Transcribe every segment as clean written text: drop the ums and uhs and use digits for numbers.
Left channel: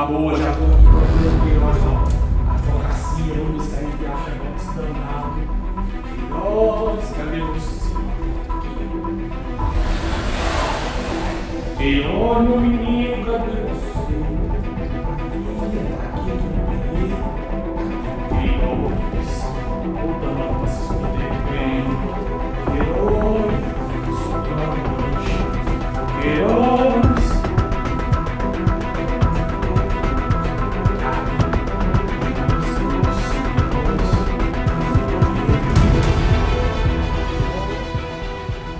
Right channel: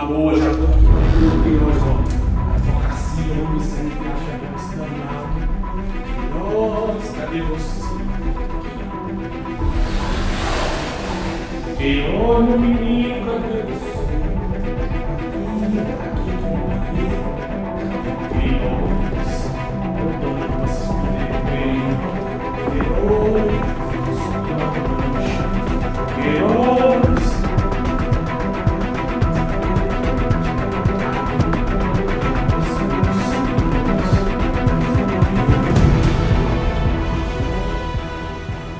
Tá boa, já tô aqui pra ver hoje, ó. Advocacia, vamos ver se a gente tem a negócio danado. Queiroz, cadê você? Queiroz, meu menino, cadê você? Aqui no banheiro. Queiroz, voltando pra se esconder bem. Queiroz, Queiroz.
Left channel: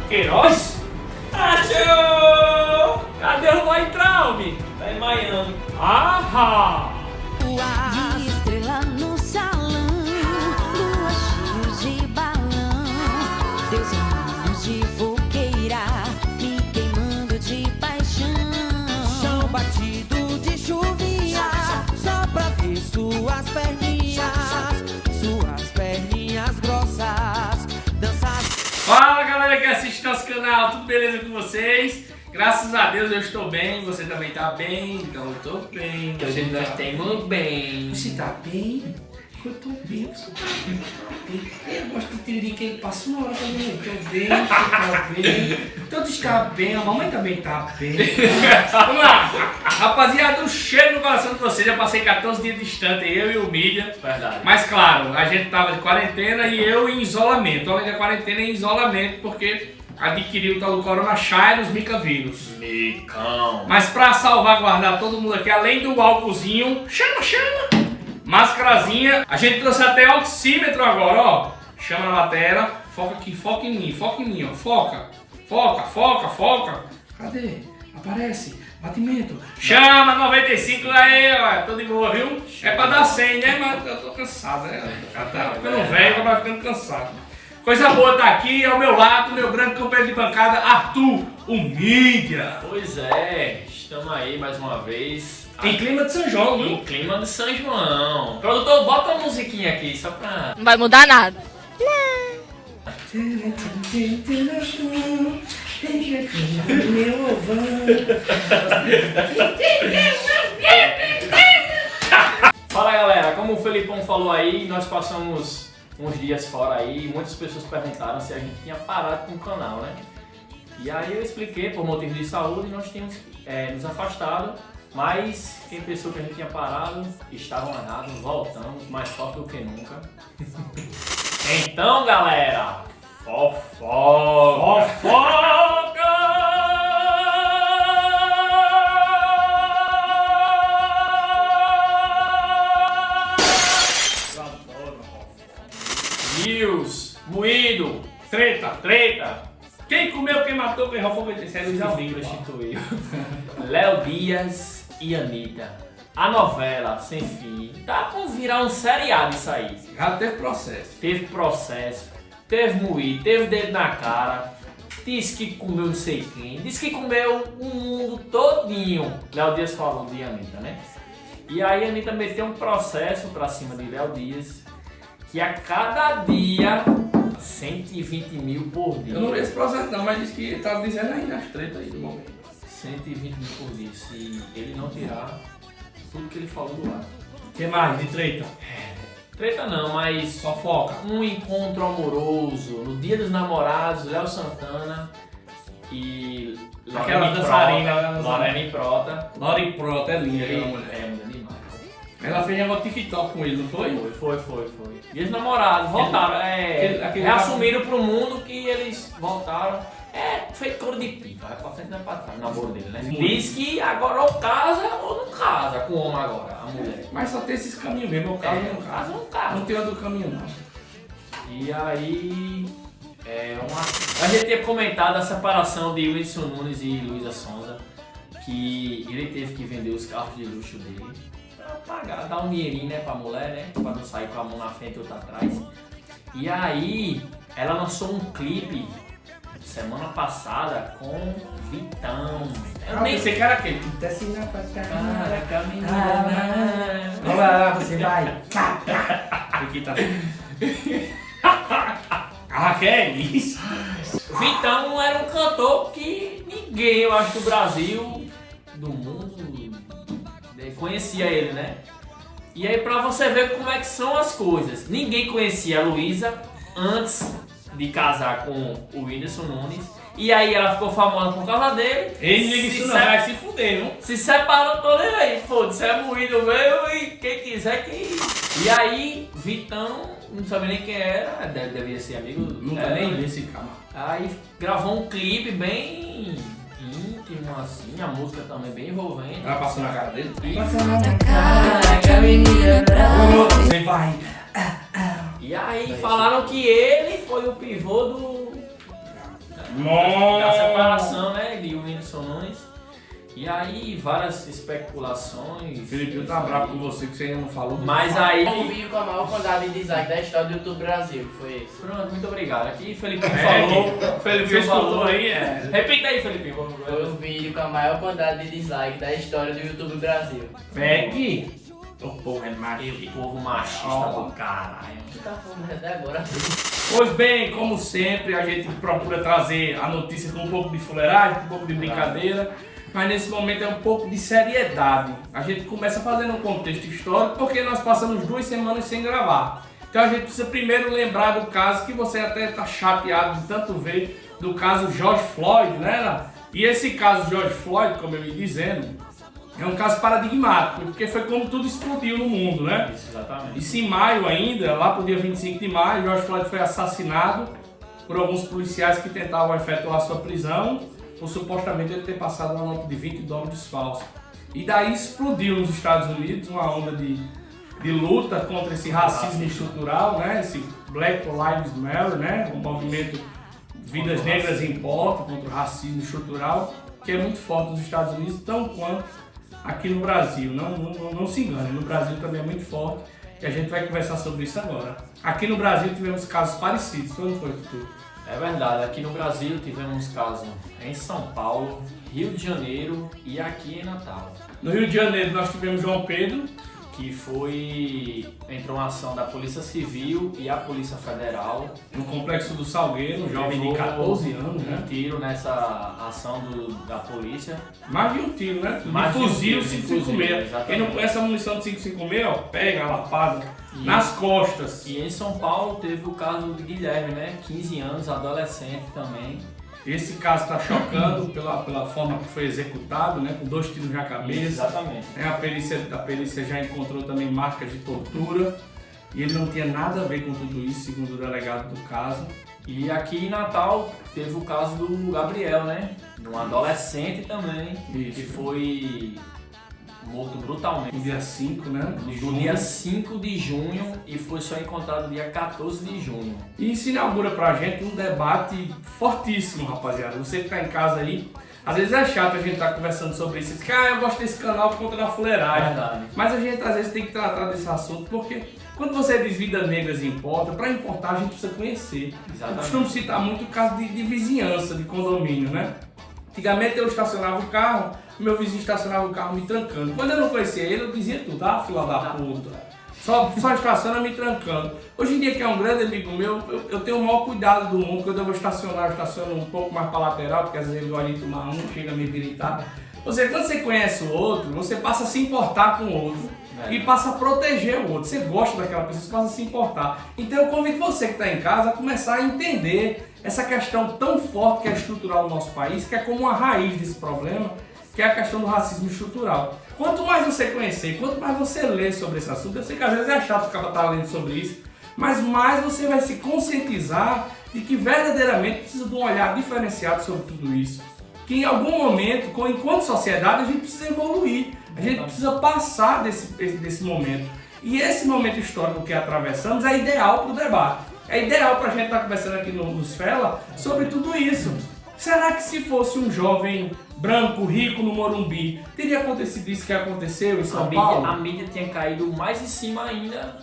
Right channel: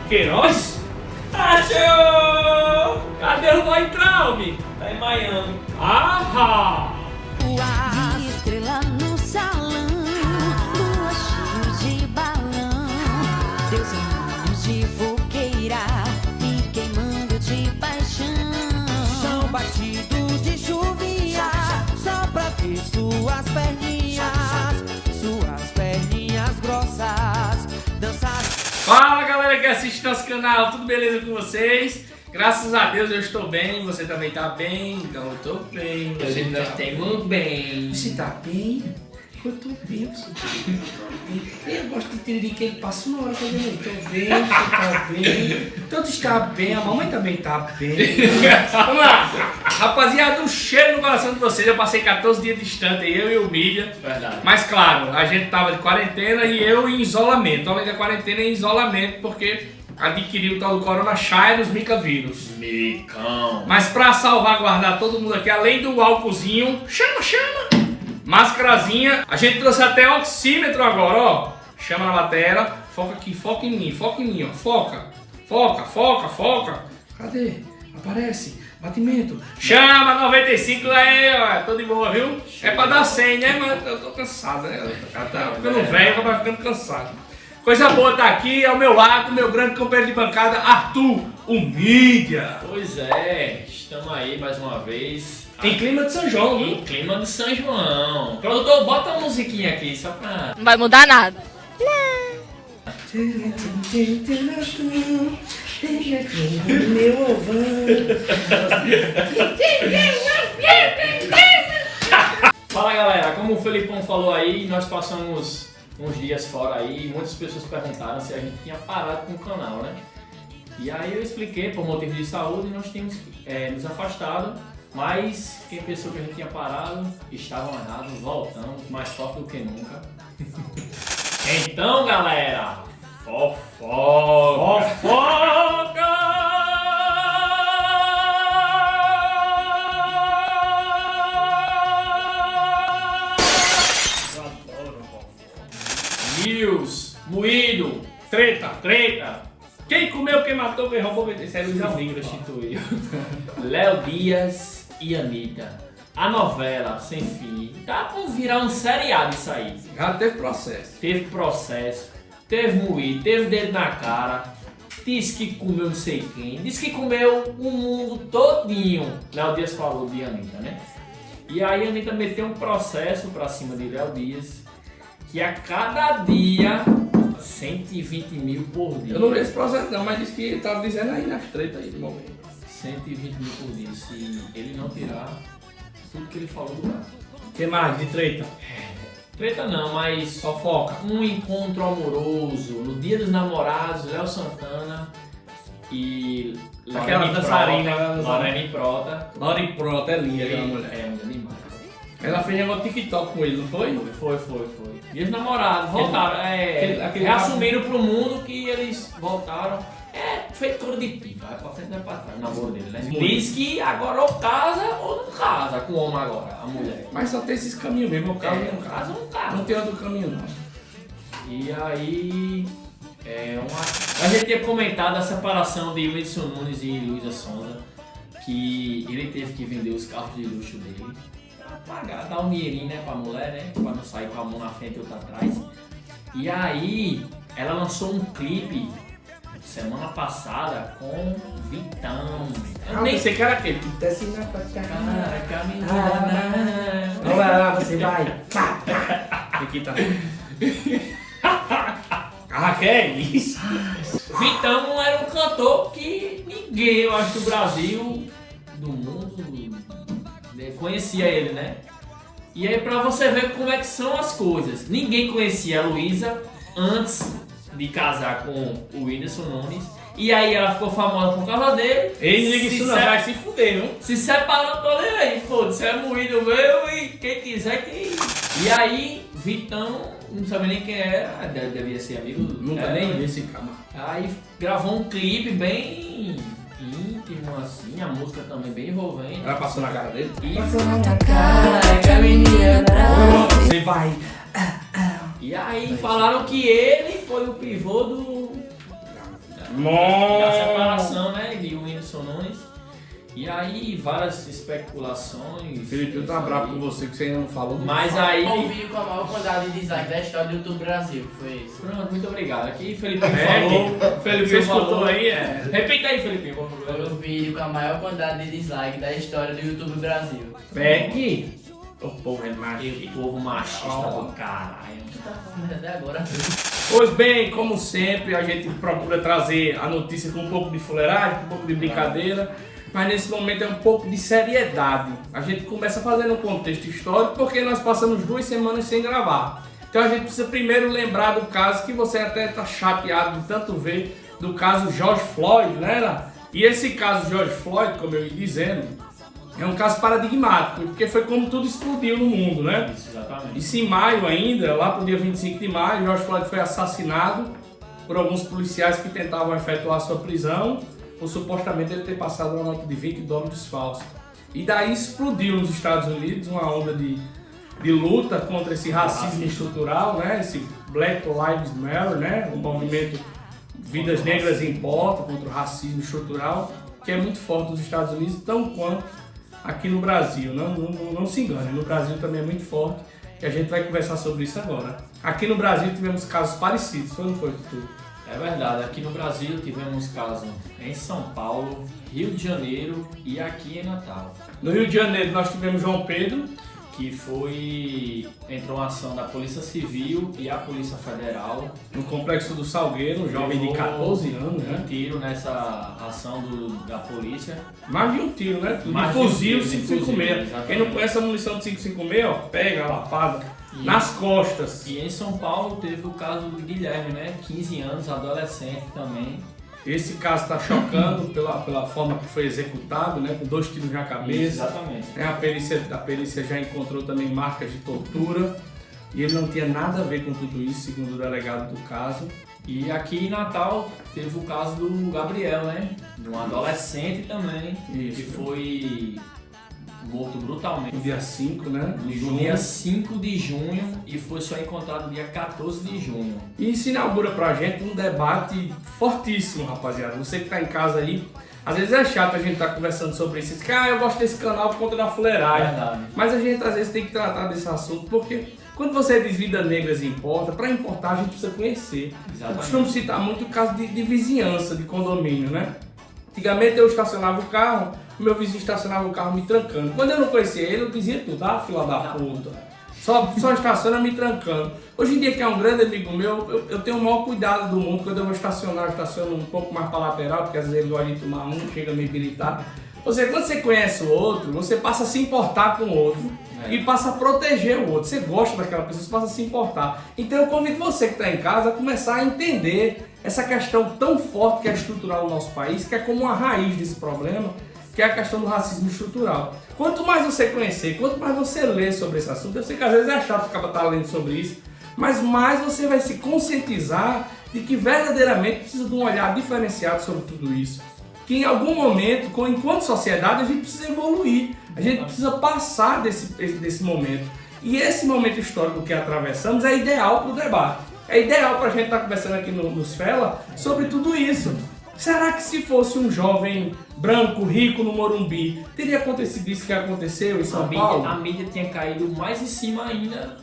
Queiroz? Achou! Cadê o vai entrar, homem? Tá em Miami. Ah! De estrela no salão, lua cheio de balão, Deus em mãos de fogueira, me queimando de paixão. Chão batido de chuvinha, só pra ver suas perninhas grossas, dançar. Fala, galera que assiste nosso canal, tudo beleza com vocês? Graças a Deus eu estou bem, você também tá bem, então eu tô bem, Você nós tá estamos bem. Você tá bem? Eu tô bem, você tá bem. Eu gosto de entender que ele passa uma hora fazendo isso. Tô bem, você tá bem. Todos estão bem, a mamãe também tá bem. Vamos lá! Rapaziada, um cheiro no coração de vocês, eu passei 14 dias distante, eu e o Mídia. Verdade. Mas claro, a gente tava de quarentena e eu em isolamento. Além da quarentena, em isolamento, porque adquiri o tal do coronavírus, micavírus. Micão. Mas pra salvaguardar todo mundo aqui, além do álcoolzinho, chama, mascarazinha, a gente trouxe até oxímetro agora, ó. Chama na matéria, foca aqui, foca em mim, ó. Foca. Cadê? Aparece. Batimento. Chama 95 aí, ó. Tô de boa, viu? É pra dar 100, né? Mas eu tô cansado, né? Tá ficando velho, acaba ficando cansado. Coisa boa tá aqui, ao meu lado, meu grande companheiro de bancada, Arthur, o Mídia. Pois é, estamos aí mais uma vez. Em clima de São João, viu? Em clima de São João. Produtor, bota uma musiquinha aqui, só pra... Não vai mudar nada. Fala, galera, como o Felipão falou aí, nós passamos uns dias fora aí e muitas pessoas perguntaram se a gente tinha parado com o canal, né? E aí eu expliquei, por motivo de saúde, nós tínhamos nos afastado, mas quem pensou que a gente tinha parado, estavam errados, voltamos, mais forte do que nunca. Então, galera, fofoca! News, moído, Treta. treta, Quem comeu, quem matou, quem roubou, quem saiu de amigo. prostituiu. Léo Dias e Anitta. A novela sem fim. Tá por virar um seriado isso aí. Já teve processo. Teve processo, teve moído, teve dedo na cara. Disse que comeu não sei quem. Disse que comeu o mundo todinho. Léo Dias falou de Anitta, né? E aí a Anitta meteu um processo pra cima de Léo Dias. Que a cada dia 120 mil por dia. Eu não vi esse processo não, mas disse que tá dizendo aí nas tretas aí do momento. 120 mil por dia. Se ele não tirar tudo que ele falou do ar. Que mais de treta? Treta não, mas Fofoca. um encontro amoroso no Dia dos Namorados, Léo Santana e Aquela dançarina, Lorene Prota. Lori Prota, é linda aquela mulher. É, linda demais. Ela fez negócio de TikTok com ele, não foi? Foi. Dia dos Namorados, voltaram. aquele reassumiram pro mundo que eles voltaram. Feito couro de pipa, vai pra frente e vai pra trás, na borda dele, né? Diz que agora ou casa ou não casa com o homem agora, a mulher. Mas só tem esses caminhos mesmo, o caso não casa casa. ou não casa. Não tem outro caminho não. E aí, a gente tinha comentado a separação de Whindersson Nunes e Luísa Sonza, que ele teve que vender os carros de luxo dele pra pagar, dar um dinheirinho, né, pra mulher, né, pra não sair com a mão na frente e outra atrás. E aí, ela lançou um clipe semana passada com Vitão. Eu nem sei que era aquele. Desce na Olha lá, você vai. Aqui tá. Ah, que é isso? Vitão era um cantor que ninguém, eu acho, do Brasil, do mundo, conhecia ele, né? E aí pra você ver como é que são as coisas. Ninguém conhecia a Luísa antes de casar com o Whindersson Nunes. E aí ela ficou famosa por causa dele. Ele liga isso não, vai se fuder, viu? Se separou todo ele aí, foda-se, é moído meu e quem quiser que... E aí, Vitão, não sabia nem quem era, devia ser amigo. Nunca nem vi esse cara. Aí gravou um clipe bem íntimo, assim, a música também bem envolvente. Ela passou na cara dele. Que a menina é brava. Você vai. E aí falaram que ele foi o pivô da Nossa. separação, né, de Whindersson Nunes. E aí várias especulações. Felipe tá bravo com você que você ainda não falou. Mas aí... Ouvi com a maior quantidade de dislike da história do YouTube Brasil, foi isso. Pronto, muito obrigado. Aqui Felipe É, o Felipe escutou aí, é. Repita aí, Felipe, vamos ver. Foi o vídeo com a maior quantidade de dislike da história do YouTube Brasil. Pegue. O povo é E machista. o povo machista do caralho. Tá falando até agora. Pois bem, como sempre, a gente procura trazer a notícia com um pouco de fuleiragem, com um pouco de brincadeira, mas nesse momento é um pouco de seriedade. A gente começa fazendo um contexto histórico porque nós passamos 2 semanas sem gravar. Então a gente precisa primeiro lembrar do caso que você até está chateado de tanto ver, do caso George Floyd, né? E esse caso George Floyd, como eu ia dizendo, é um caso paradigmático, porque foi como tudo explodiu no mundo, né? Isso, exatamente. Isso em maio ainda, lá pro dia 25 de maio, George Floyd foi assassinado por alguns policiais que tentavam efetuar sua prisão, por supostamente ele ter passado uma nota de $20 falsa. E daí explodiu nos Estados Unidos uma onda de luta contra esse racismo estrutural, né? Esse Black Lives Matter, né? O movimento Vidas Negras Importam contra o racismo estrutural, que é muito forte nos Estados Unidos, tão quanto aqui no Brasil. Não se engane, no Brasil também é muito forte e a gente vai conversar sobre isso agora. Aqui no Brasil tivemos casos parecidos, foi ou não foi, Tutu? É verdade, aqui no Brasil tivemos casos em São Paulo, Rio de Janeiro e aqui em Natal. No Rio de Janeiro nós tivemos João Pedro, Que entrou uma ação da Polícia Civil e a Polícia Federal. no Complexo do Salgueiro, um jovem de Levou 14 anos, um né? tiro nessa ação da polícia. Mais de um tiro, né? De Mais de um fuzil tiro, de 556. fuzil, Quem não conhece a munição de 556, ó, pega a lapada nas costas. E em São Paulo teve o caso do Guilherme, né? 15 anos, adolescente também. Esse caso está chocando pela forma que foi executado, né? Com 2 tiros na cabeça. Exatamente. A perícia já encontrou também marcas de tortura e ele não tinha nada a ver com tudo isso, segundo o delegado do caso. E aqui em Natal teve o caso do Gabriel, né? De um adolescente também, Isso. que foi morto brutalmente. No dia 5, né? De No junho. dia 5 de junho e foi só encontrado no dia 14 de junho. E isso inaugura pra gente um debate fortíssimo, rapaziada. Você que tá em casa aí, às vezes é chato a gente estar conversando sobre isso. Diz que, eu gosto desse canal por conta da fuleiragem. Verdade. Mas a gente às vezes tem que tratar desse assunto porque quando você diz Vidas Negras importa, para importar a gente precisa conhecer. Exatamente. Eu costumo citar muito o caso de vizinhança, de condomínio, né? Antigamente eu estacionava o carro, meu vizinho estacionava o carro me trancando. Quando eu não conhecia ele, eu dizia tudo, fila da puta. Só estaciona me trancando. Hoje em dia, que é um grande amigo meu, eu tenho o maior cuidado do mundo. Quando eu vou estacionar, eu estaciono um pouco mais para lateral, porque às vezes ele gosta de tomar chega a me habilitar. Quando você conhece o outro, você passa a se importar com o outro e passa a proteger o outro. Você gosta daquela pessoa, você passa a se importar. Então eu convido você que está em casa a começar a entender essa questão tão forte que é estrutural no nosso país, que é como uma raiz desse problema, que é a questão do racismo estrutural. Quanto mais você conhecer, quanto mais você ler sobre esse assunto, eu sei que às vezes é chato ficar estar lendo sobre isso, mas mais você vai se conscientizar de que verdadeiramente precisa de um olhar diferenciado sobre tudo isso. Que em algum momento, enquanto sociedade, a gente precisa evoluir, a gente precisa passar desse momento. E esse momento histórico que atravessamos é ideal para o debate. É ideal para a gente estar conversando aqui nos Fela sobre tudo isso. Será que se fosse um jovem branco, rico no Morumbi, teria acontecido isso que aconteceu em São Paulo? A mídia tinha caído mais em cima ainda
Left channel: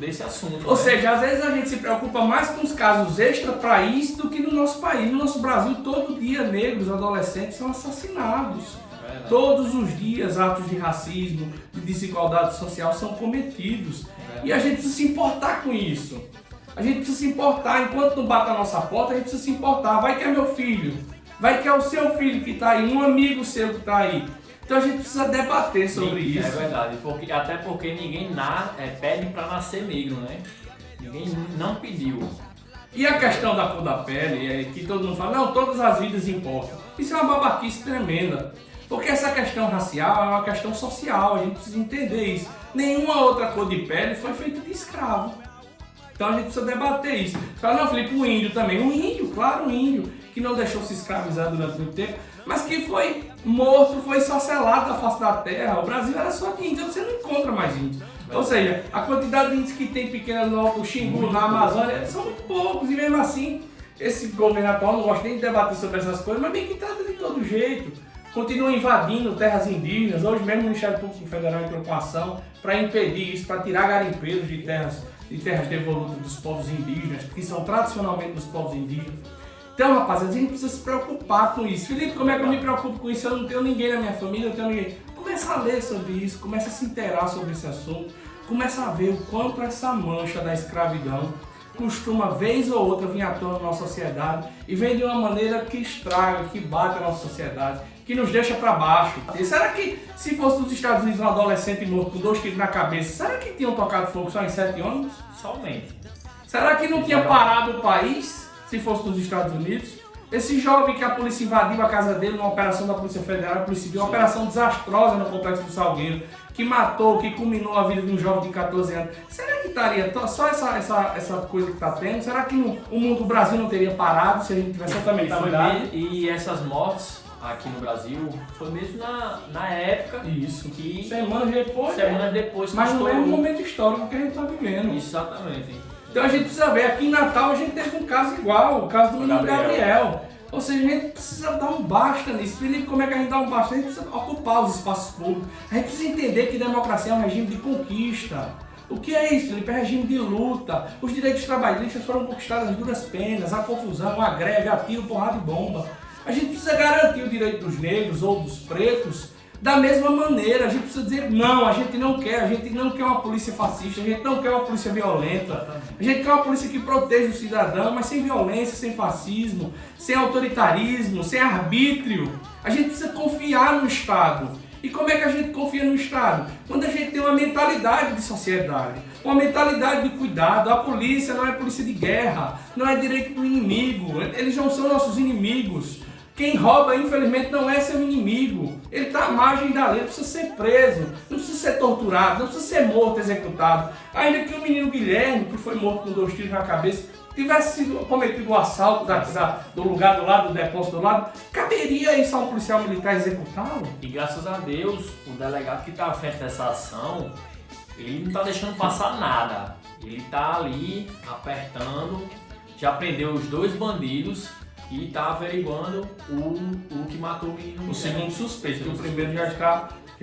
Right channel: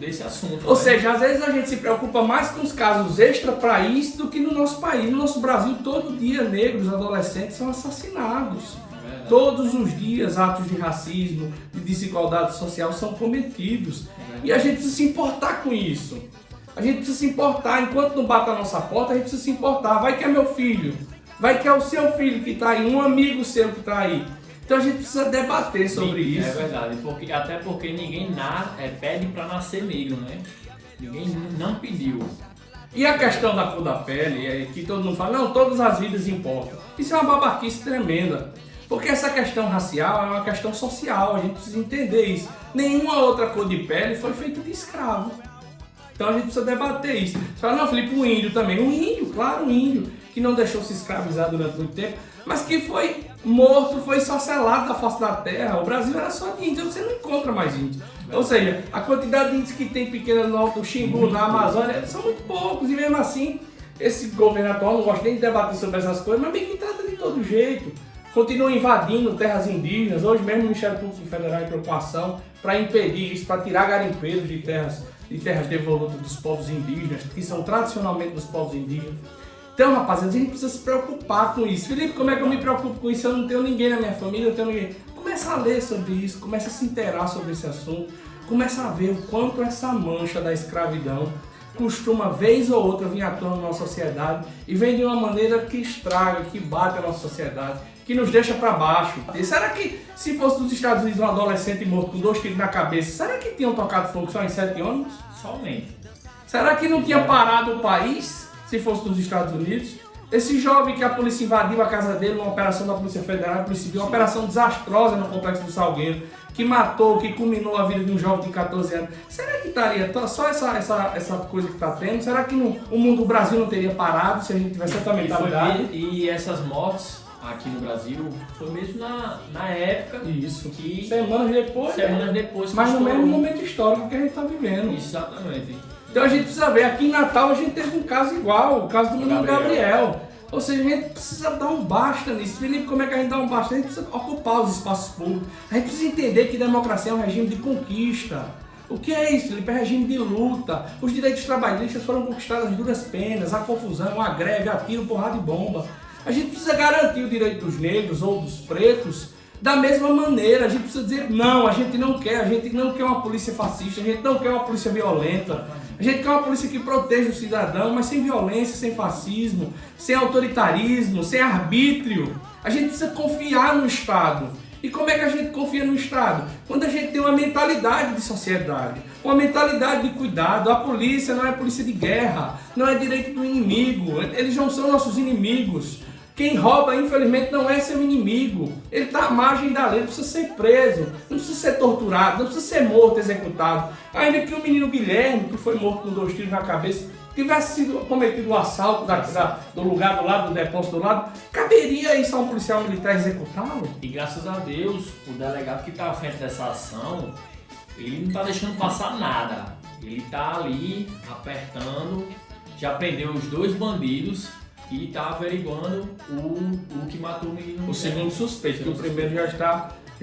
desse assunto. Ou né? seja, às vezes a gente se preocupa mais com os casos extra-país do que no nosso país. No nosso Brasil, todo dia, negros, adolescentes são assassinados. Todos os dias, atos de racismo, de desigualdade social são cometidos. E a gente precisa se importar com isso. A gente precisa se importar. Enquanto não bate a nossa porta, a gente precisa se importar. Vai que é meu filho. Vai que é o seu filho que está aí, um amigo seu que está aí. Então a gente precisa debater sobre isso. É verdade, até porque ninguém pede para nascer negro, né? Ninguém não pediu. E a questão da cor da pele, é que todo mundo fala, não, todas as vidas importam. Isso é uma babaquice tremenda. Porque essa questão racial é uma questão social, a gente precisa entender isso. Nenhuma outra cor de pele foi feita de escravo. Então a gente precisa debater isso. Você fala, não, Felipe, o índio também. O índio, claro, o índio, que não deixou se escravizar durante muito tempo, mas que foi morto, foi esfacelado da face da terra. O Brasil era só de índio, você não encontra mais índios. Ou seja, a quantidade de índios que tem pequena no Alto Xingu, na Amazônia, são muito poucos. E mesmo assim, esse governo atual não gosta nem de debater sobre essas coisas, mas bem que trata de todo jeito. Continua invadindo terras indígenas. Hoje mesmo o Ministério Público Federal entrou com ação para impedir isso, para tirar garimpeiros de terras devolutas dos povos indígenas, que são tradicionalmente dos povos indígenas. Então, rapaziada, a gente precisa se preocupar com isso. Felipe, como é que eu me preocupo com isso? Eu não tenho ninguém na minha família, eu tenho ninguém. Começa a ler sobre isso, começa a se inteirar sobre esse assunto, começa a ver o quanto essa mancha da escravidão costuma, vez ou outra, vir à tona na nossa sociedade e vem de uma maneira que estraga, que bate a nossa sociedade, que nos deixa para baixo. E será que, se fosse dos Estados Unidos um adolescente morto com 2 tiros na cabeça, será que tinham tocado fogo só em 7 ônibus? Somente. Será que não tinha parado o país, se fosse dos Estados Unidos? Esse jovem que a polícia invadiu a casa dele numa operação da Polícia Federal, uma operação desastrosa no Complexo do Salgueiro, que matou, que culminou a vida de um jovem de 14 anos. Será que estaria só essa coisa que está tendo? Será que o Brasil não teria parado se a gente tivesse totalmente cuidado? E essas mortes aqui no Brasil foi mesmo na época Isso. que... Semanas depois. Mas no mesmo momento histórico que a gente está vivendo. Exatamente. Então a gente precisa ver, aqui em Natal a gente teve um caso igual, o caso do menino Gabriel. Ou seja, a gente precisa dar um basta nisso. Felipe, como é que a gente dá um basta? A gente precisa ocupar os espaços públicos. A gente precisa entender que democracia é um regime de conquista. O que é isso, Felipe? É regime de luta. Os direitos trabalhistas foram conquistados às duras penas, a confusão, a greve, a tiro, porrada e bomba. A gente precisa garantir o direito dos negros ou dos pretos da mesma maneira. A gente precisa dizer, não, a gente não quer uma polícia fascista, a gente não quer uma polícia violenta, a gente quer uma polícia que proteja o cidadão, mas sem violência, sem fascismo, sem autoritarismo, sem arbítrio. A gente precisa confiar no Estado. E como é que a gente confia no Estado? Quando a gente tem uma mentalidade de sociedade, uma mentalidade de cuidado. A polícia não é polícia de guerra, não é direito do inimigo, eles não são nossos inimigos. Quem rouba, infelizmente, não é seu inimigo. Ele está à margem da lei, não precisa ser preso, não precisa ser torturado, não precisa ser morto, executado. Ainda que o menino Guilherme, que foi morto com 2 tiros na cabeça, tivesse sido cometido o assalto do lugar do lado, do depósito do lado, caberia isso a um policial militar executá-lo? E graças a Deus, o delegado que está à frente dessa ação, ele não está deixando passar nada. Ele está ali apertando, já prendeu os 2 bandidos e está averiguando o que matou o menino. O segundo suspeito, que o primeiro já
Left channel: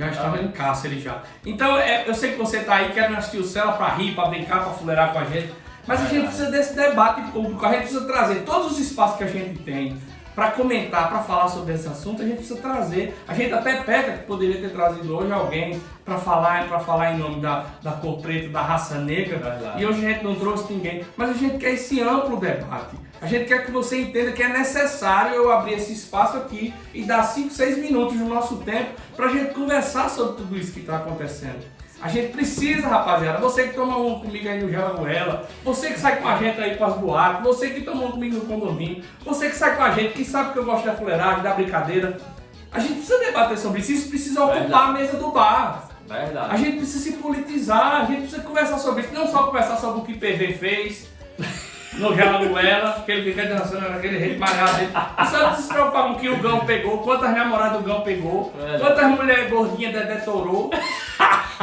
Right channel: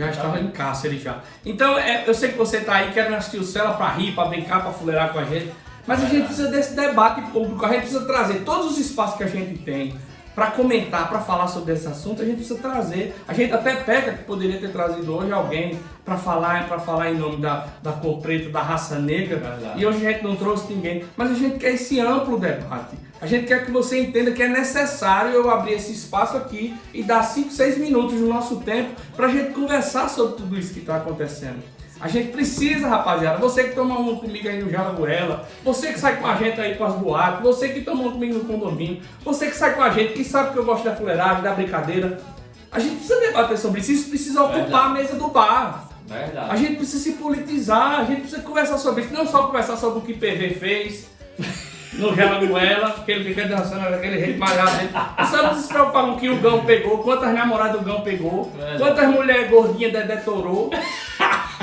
estava em cárcere já. Então, eu sei que você está aí querendo assistir o Cela para rir, para brincar, para fuleirar com a gente, mas a gente precisa desse debate público, a gente precisa trazer todos os espaços que a gente tem para comentar, para falar sobre esse assunto. A gente precisa trazer. A gente até pega que poderia ter trazido hoje alguém para falar em nome da cor preta, da raça negra. Verdade. E hoje a gente não trouxe ninguém. Mas a gente quer esse amplo debate. A gente quer que você entenda que é necessário eu abrir esse espaço aqui e dar 5, 6 minutos do nosso tempo para a gente conversar sobre tudo isso que está acontecendo. A gente precisa, rapaziada, você que toma uma comigo aí no Jalagoela, você que sai com a gente aí com as boates, você que toma uma comigo no condomínio, você que sai com a gente, que sabe que eu gosto da fuleiragem, da brincadeira. A gente precisa debater sobre isso, isso precisa ocupar a mesa do bar. Verdade. A gente precisa se politizar, a gente precisa conversar sobre isso, não só conversar sobre o que PV fez no Jalagoela, que ele fica dançando naquele jeito malhado dele. E só não se preocupar com o que o Gão pegou, quantas namoradas o Gão pegou, quantas mulheres gordinhas Dedé torou.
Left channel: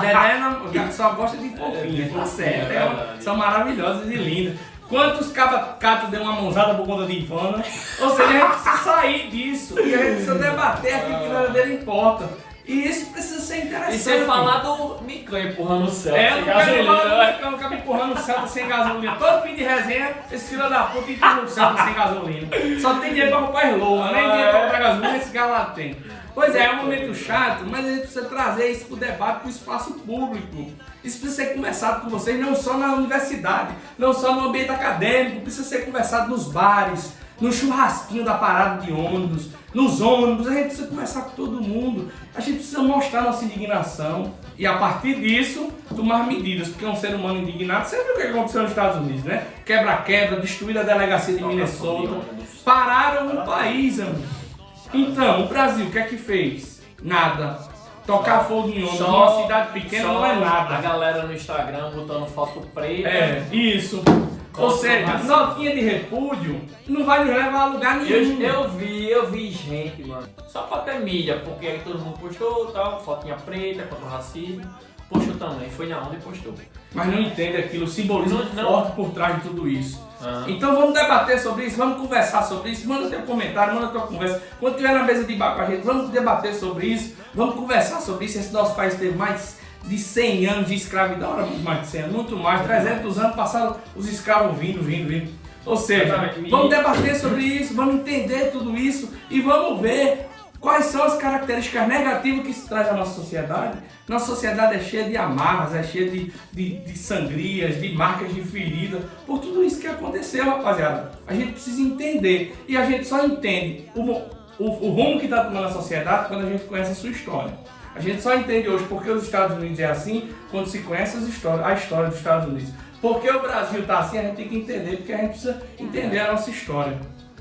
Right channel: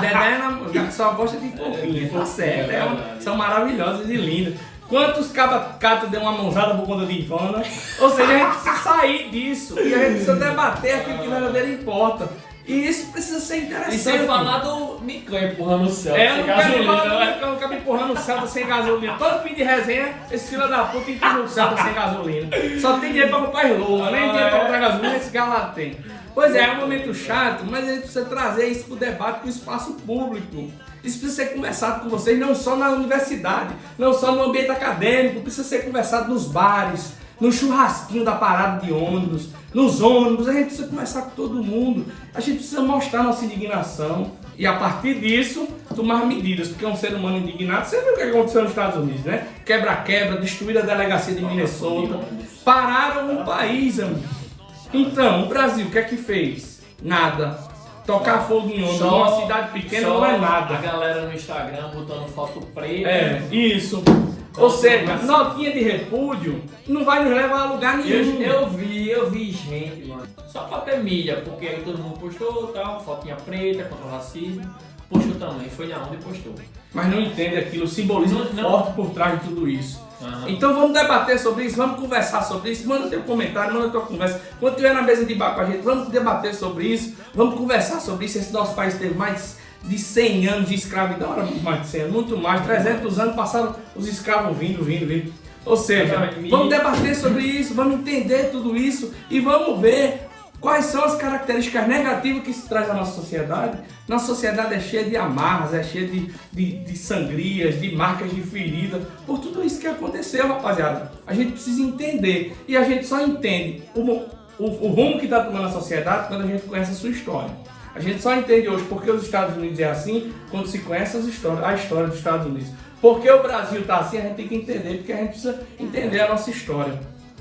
Dedé só gosta de fofinha, tá certo? São maravilhosas e lindas. Quantos cabacatos deu uma mãozada por conta de Ivana? Ou seja, a gente precisa sair disso e a gente precisa debater aquilo que verdadeiro importa. E isso precisa ser interessante. E sem falar do Micão empurrando o céu. Eu não quero falar do Micão, não quero empurrando o Celta sem gasolina. Todo fim de resenha, esse filho da puta empurra o Celta sem gasolina. Só tem dinheiro pra comprar Loa, nem dinheiro pra comprar gasolina, esse galado tem. Pois é um momento chato, mas a gente precisa trazer isso pro debate, pro espaço público. Isso precisa ser conversado com vocês, não só na universidade, não só no ambiente acadêmico, precisa ser conversado nos bares, no churrasquinho da parada de ônibus, nos ônibus, a gente precisa conversar com todo mundo, a gente precisa mostrar nossa indignação e a partir disso tomar medidas, porque é um ser humano indignado. Você viu o que aconteceu nos Estados Unidos, né? Quebra-quebra, destruíram a delegacia de Minnesota, pararam o país, amigo. Então, o Brasil, o que é que fez? Nada. Tocar fogo em ônibus numa cidade pequena não é nada. A galera no Instagram botando foto preta. É, isso. Ou seja, notinha de repúdio não vai nos levar a lugar nenhum. Eu vi gente, mano, só pra ter mídia, porque aí todo mundo postou tal, fotinha preta contra o racismo. Postou também, foi na onda e postou. Mas não entende aquilo, o simbolismo Não. forte por trás de tudo isso. Então vamos debater sobre isso, vamos conversar sobre isso, manda teu comentário, manda tua conversa. Quando estiver na mesa de bar com a gente, vamos debater sobre isso, vamos conversar sobre isso. Esse nosso país teve mais de 100 anos de escravidão, era muito mais de 100 anos, muito mais, 300 anos passaram os escravos vindo. Ou seja, vamos debater sobre isso, vamos entender tudo isso e vamos ver quais são as características negativas que se traz à nossa sociedade. Nossa sociedade é cheia de amarras, é cheia de sangrias, de marcas de ferida, por tudo isso que aconteceu, rapaziada. A gente precisa entender, e a gente só entende o rumo que está tomando a sociedade quando a gente conhece a sua história. A gente só entende hoje porque os Estados Unidos é assim quando se conhece a história dos Estados Unidos. Porque o Brasil está assim, a gente tem que entender, porque a gente precisa entender a nossa história.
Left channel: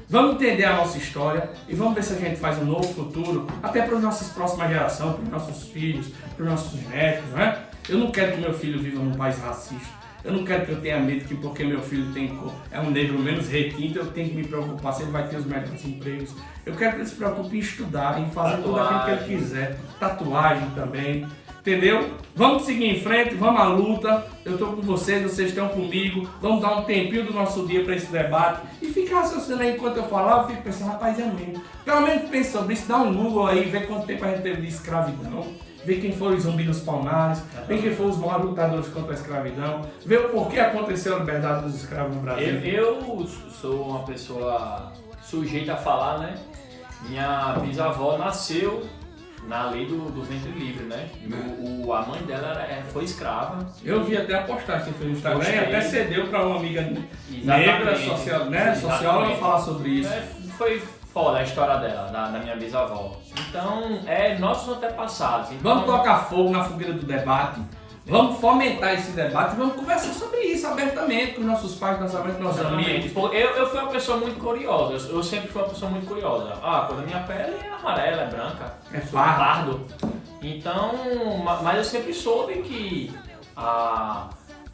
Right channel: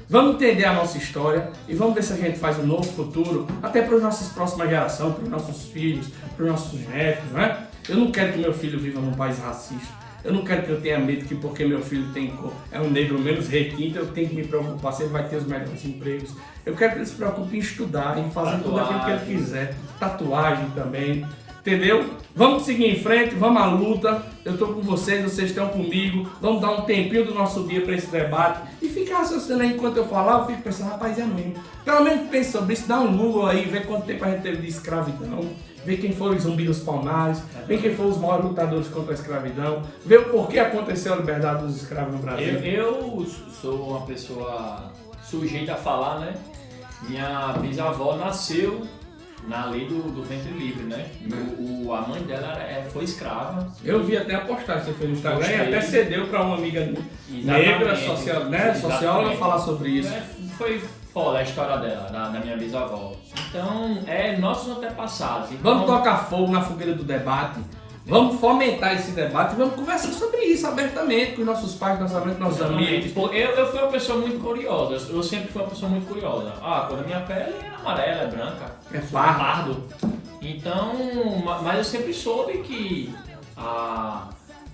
Vamos entender a nossa história e vamos ver se a gente faz um novo futuro, até para as nossas próximas gerações, para os nossos filhos, para os nossos netos, não é? Eu não quero que meu filho viva num país racista. Eu não quero que eu tenha medo que porque meu filho é um negro menos requinte, eu tenho que me preocupar se ele vai ter os melhores empregos. Eu quero que ele se preocupe em estudar, em fazer tudo aquilo que ele quiser. Tatuagem também, entendeu? Vamos seguir em frente, vamos à luta. Eu estou com vocês estão comigo. Vamos dar um tempinho do nosso dia para esse debate e ficar raciocinando aí enquanto eu falar. Eu fico pensando, rapaz, é mesmo. Pelo menos pense sobre isso, dá um Google aí, vê quanto tempo a gente teve de escravidão. Ver quem foram os Zumbi dos Palmares, ver quem foram os maiores lutadores contra a escravidão, ver o porquê aconteceu a liberdade dos escravos no Brasil. Eu sou uma pessoa sujeita a falar, né? Minha bisavó nasceu na lei do ventre livre, né? A mãe dela foi escrava. Eu vi até a postagem que foi no Instagram e até cedeu para uma amiga negra, socióloga, falar sobre isso. Foi foda a história dela, da minha bisavó. Então, nossos antepassados. Então, vamos tocar fogo na fogueira do debate, vamos fomentar esse debate e vamos conversar sobre isso abertamente com os nossos pais, com nossos amigos. Eu fui uma pessoa muito curiosa, eu sempre fui uma pessoa muito curiosa. A cor da minha pele é amarela, é branca, É pardo. Então, mas eu sempre soube que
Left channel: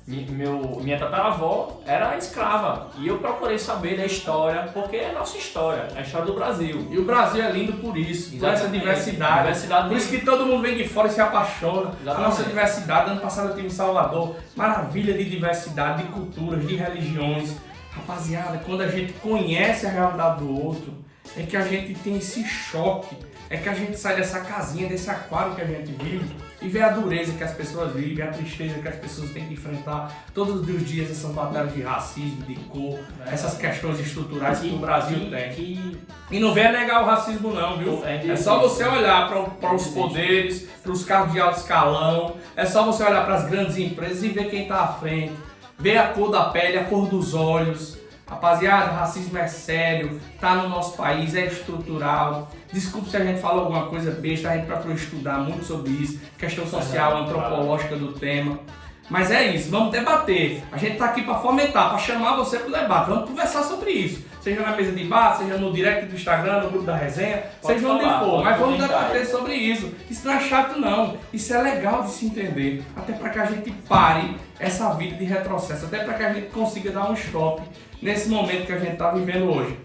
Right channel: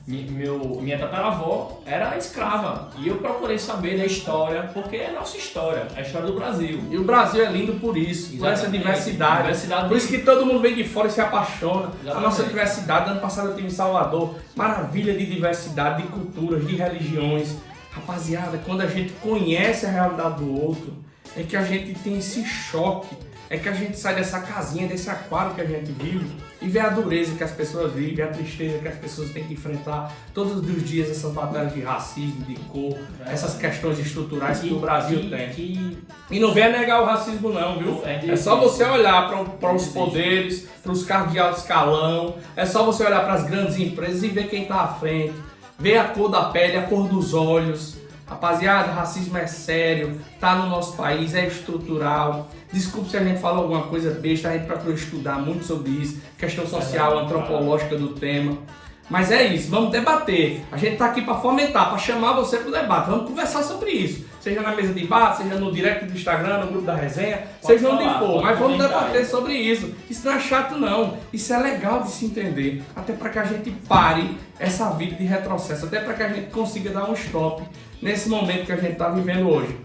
minha tataravó era escrava e eu procurei saber da história, porque é nossa história, a história do Brasil. E o Brasil é lindo por isso, por essa diversidade. Por isso que todo mundo vem de fora e se apaixona. Exatamente. A nossa diversidade, ano passado eu estive em Salvador, maravilha de diversidade, de culturas, de religiões. Rapaziada, quando a gente conhece a realidade do outro, é que a gente tem esse choque, é que a gente sai dessa casinha, desse aquário que a gente vive e vê a dureza que as pessoas vivem, a tristeza que as pessoas têm que enfrentar todos os dias, essas batalhas de racismo, de cor, essas questões estruturais que o Brasil tem. E não venha negar o racismo não, viu? É só você olhar para os poderes, para os cargos de alto escalão, é só você olhar para as grandes empresas e ver quem está à frente, ver a cor da pele, a cor dos olhos. Rapaziada, racismo é sério, tá no nosso país, é estrutural. Desculpe se a gente falou alguma coisa besta, a gente procurou estudar muito sobre isso, questão social, antropológica do tema. Mas é isso, vamos debater. A gente tá aqui para fomentar, para chamar você pro debate. Vamos conversar sobre isso. Seja na mesa de bar, seja no direct do Instagram, no grupo da resenha, seja onde for. Mas vamos debater sobre isso. Isso não é chato não. Isso é legal de se entender. Até para que a gente pare essa vida de retrocesso. Até para que a gente consiga dar um stop nesse momento que a gente tá vivendo hoje.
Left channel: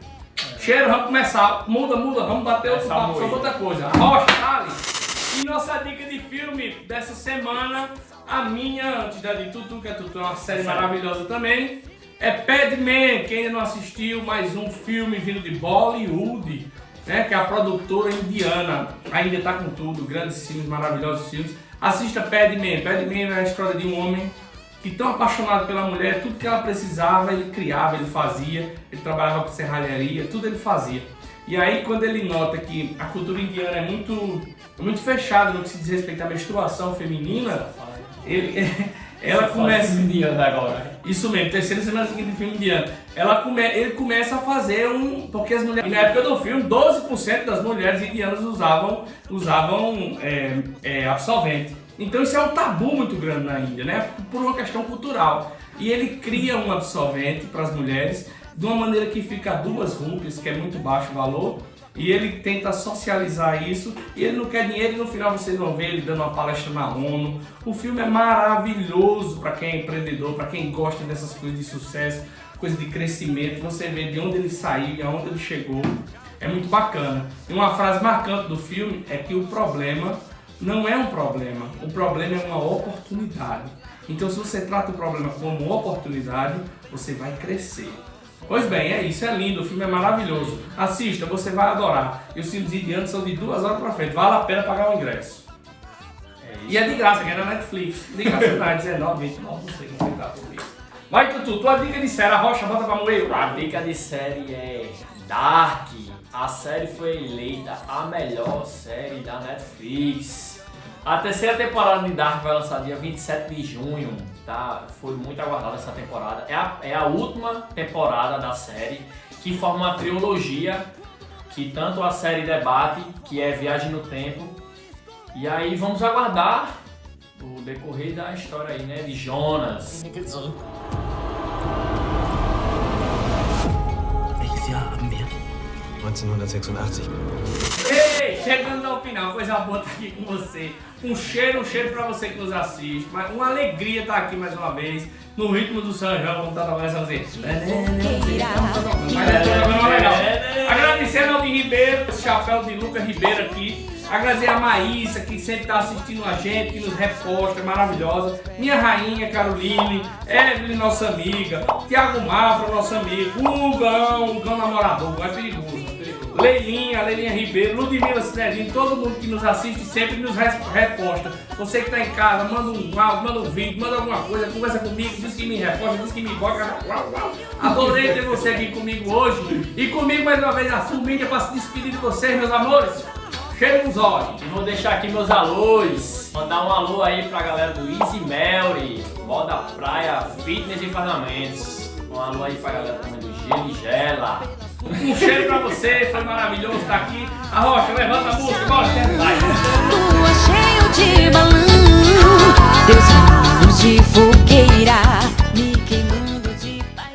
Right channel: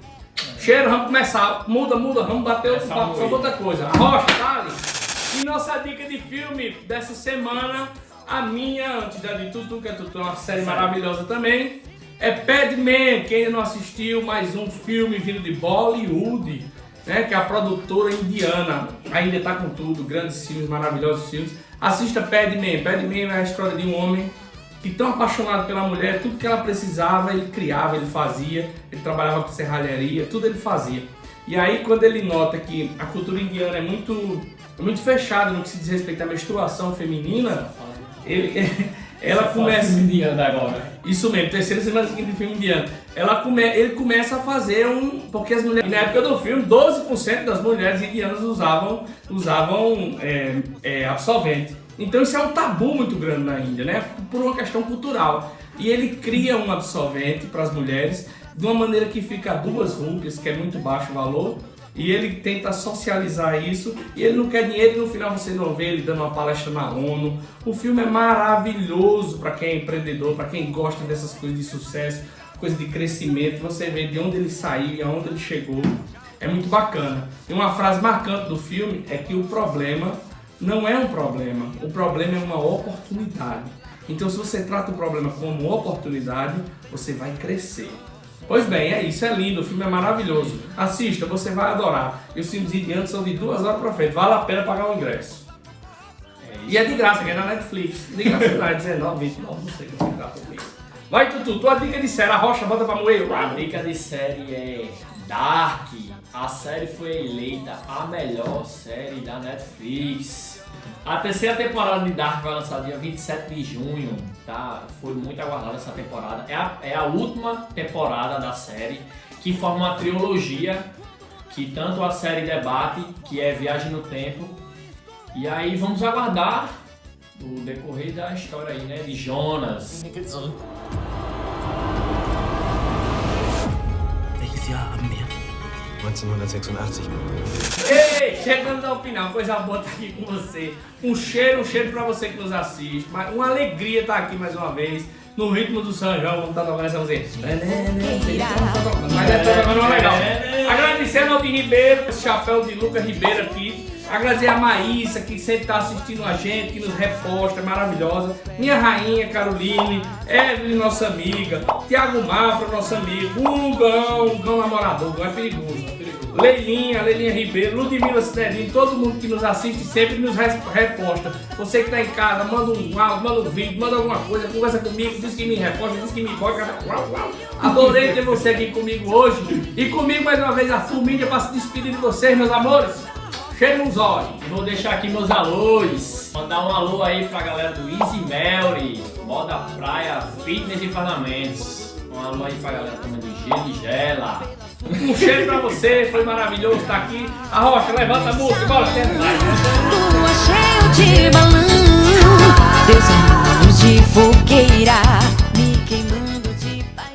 Cheiro, vamos começar. Muda, vamos bater outro papo sobre outra coisa. Rocha, tá ali. E nossa dica de filme dessa semana, a minha, antes da de Tutu, que é Tutu, uma série maravilhosa também, é Padman. Quem ainda não assistiu, mais um filme vindo de Bollywood, né, que é a produtora indiana, ainda tá com tudo, grandes filmes, maravilhosos filmes. Assista Padman. Padman é a história de um homem que, tão apaixonado pela mulher, tudo que ela precisava, ele criava, ele fazia, ele trabalhava com serralharia, tudo ele fazia. E aí, quando ele nota que a cultura indiana é muito fechada no que se diz respeito à menstruação feminina, Ela começa... Filme indiano agora. Isso mesmo, terceira semana seguinte de filme indiano. Ele começa a fazer porque as mulheres... Na época do filme, 12% das mulheres indianas usavam absorvente. Então isso é um tabu muito grande na Índia, né? Por uma questão cultural. E ele cria um absorvente para as mulheres de uma maneira que fica a 2 rúpias, que é muito baixo o valor. E ele tenta socializar isso, e ele não quer dinheiro, e no final vocês vão ver ele dando uma palestra na ONU. O filme é maravilhoso para quem é empreendedor, para quem gosta dessas coisas de sucesso, coisas de crescimento. Você vê de onde ele saiu e aonde ele chegou. É muito bacana. E uma frase marcante do filme é que o problema não é um problema, o problema é uma oportunidade. Então, se você trata o problema como uma oportunidade, você vai crescer. Pois bem, é isso, é lindo, o filme é maravilhoso. Assista, você vai adorar. E os filmes indianos são de 2 horas pra frente, vale a pena pagar o ingresso. E é de graça, que é na Netflix. De graça, não é 19, 29, não sei como dá por isso. Vai, Tutu, tua dica de série, a rocha, bota pra moer. A dica de série é Dark. A série foi eleita a melhor série da Netflix. A terceira temporada de Dark vai lançar dia 27 de junho, tá? Foi muito aguardada essa temporada. É a última temporada da série, que forma uma trilogia, que tanto a série debate, que é Viagem no Tempo. E aí vamos aguardar o decorrer da história aí, né? De Jonas. Welches Jahr haben wir? 1986. Ei, chegando ao final, coisa boa estar aqui com você. Um cheiro pra você que nos assiste. Uma alegria estar aqui mais uma vez. No ritmo do São João, vamos estar tocando essa música. Mas essa tocando uma legal. Agradecendo ao de Ribeiro, esse chapéu de Lucas Ribeiro aqui. Agradecer a Maísa, que sempre está assistindo a gente, que nos reposta, é maravilhosa. Minha rainha, Caroline, Evelyn, nossa amiga. Tiago Mafra, nosso amigo. Gão namorador, Gão é perigoso. Leilinha Ribeiro, Ludmila Cidadinho, todo mundo que nos assiste sempre nos reposta. Você que está em casa, manda um áudio, manda um vídeo, manda alguma coisa, conversa comigo, diz que me reposta, diz que me bota. Adorei ter você aqui comigo hoje. E comigo mais uma vez a Mídia para se despedir de vocês, meus amores. Cheiro nos olhos. E vou deixar aqui meus alôs. Mandar um alô aí pra galera do Easy Melly, Moda Praia, Fitness e Parlamentos. Um alô aí pra galera também do Gelo e Gela. Um cheiro pra você, foi maravilhoso estar aqui. A Rocha, levanta a música, bora. Lua cheio de balão, Deus é luz de fogueira.